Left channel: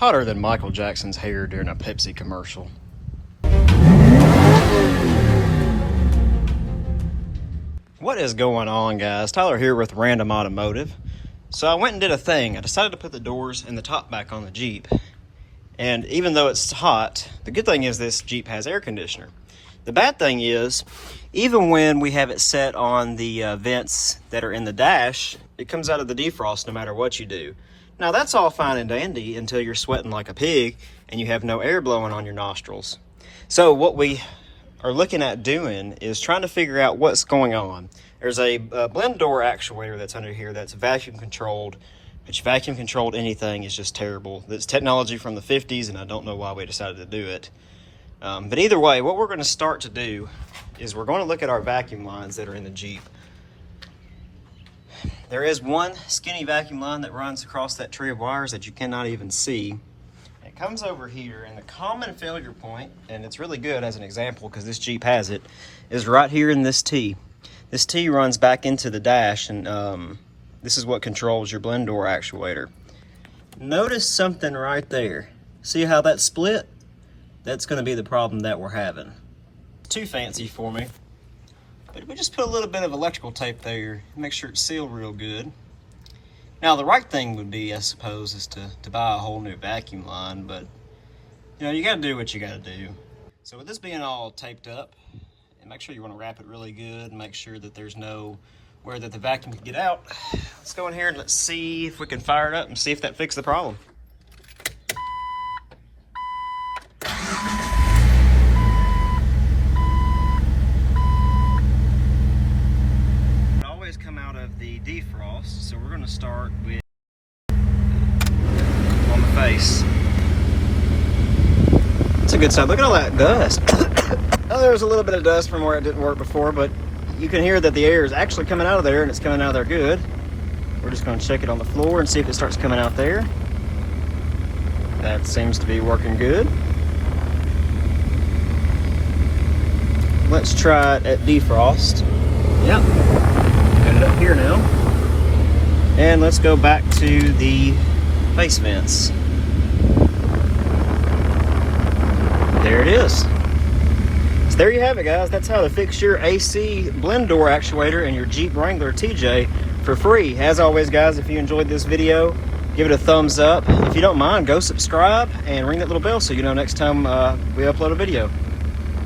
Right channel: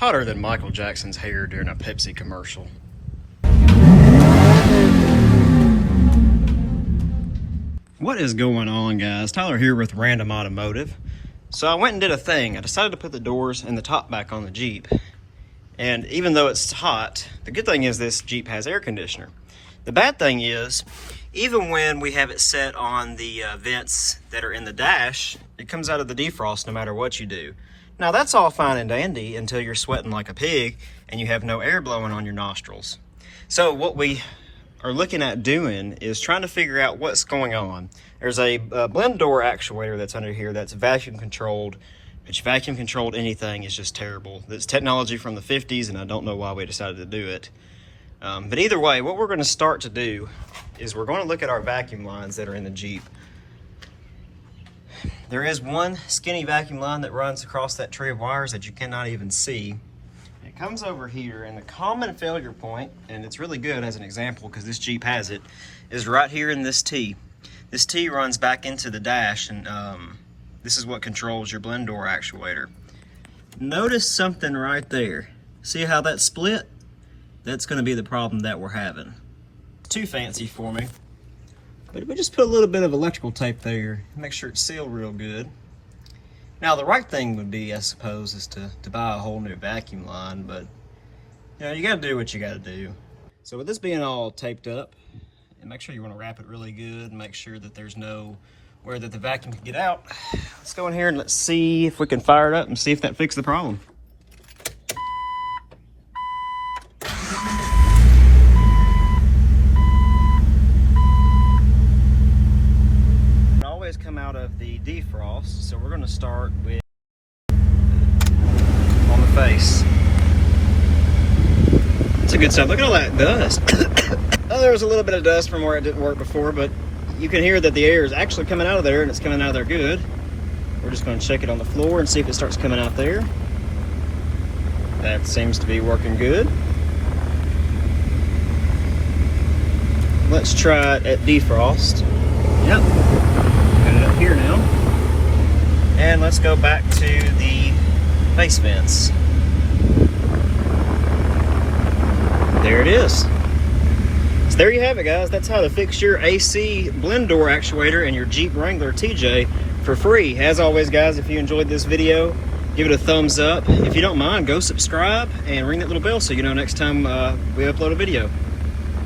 hotter than Michael Jackson's hair during a Pepsi commercial. What is going on, guys? Tyler here with Random Automotive. So I went and did a thing. I decided to put the doors and the top back on the Jeep. And even though it's hot, the good thing is this Jeep has air conditioner. The bad thing is, even when we have it set on the vents that are in the dash, it comes out of the defrost no matter what you do. Now that's all fine and dandy until you're sweating like a pig and you have no air blowing on your nostrils. So what we are looking at doing is trying to figure out what's going on. There's a blend door actuator that's under here that's vacuum controlled, which vacuum controlled anything is just terrible. It's technology from the 50s and I don't know why we decided to do it. But either way, what we're going to start to do is we're going to look at our vacuum lines that are in the Jeep. There is one skinny vacuum line that runs across that tree of wires that you cannot even see. It comes over here, and the common failure point, and it's really good as an example because this Jeep has it, is right here in this T. This T runs back into the dash, and this is what controls your blend door actuator. Notice something right there. See how that's split? That's going to be the problem that we're having. Too fancy for me. But we just put a little bit of electrical tape there, make sure it's sealed real good. Now the right thing would be, I suppose, is to buy a whole new vacuum line, but you know, you gotta do what you gotta do. So with this being all taped up, and make sure you wanna wrap it really good, and make sure that there's no where that the vacuum can get out. Let's go in here and let's see if we can fire it up and see if that fixes the problem. Come out of the defrost, so we're going to start with on the face. It's a good sign. Look at all that dust. Oh, there was a little bit of dust from where it didn't work before, but you can hear that the air is actually coming out of there, and it's coming out of there good. We're just going to check it on the floor and see if it starts coming out there. That seems to be working good. Let's try it at defrost. Yep. Up here now, and let's go back to the face vents. There it is. So there you have it, guys. That's how to fix your AC blend door actuator in your Jeep Wrangler TJ for free. As always, guys, if you enjoyed this video, give it a thumbs up. If you don't mind, go subscribe and ring that little bell so you know next time we upload a video.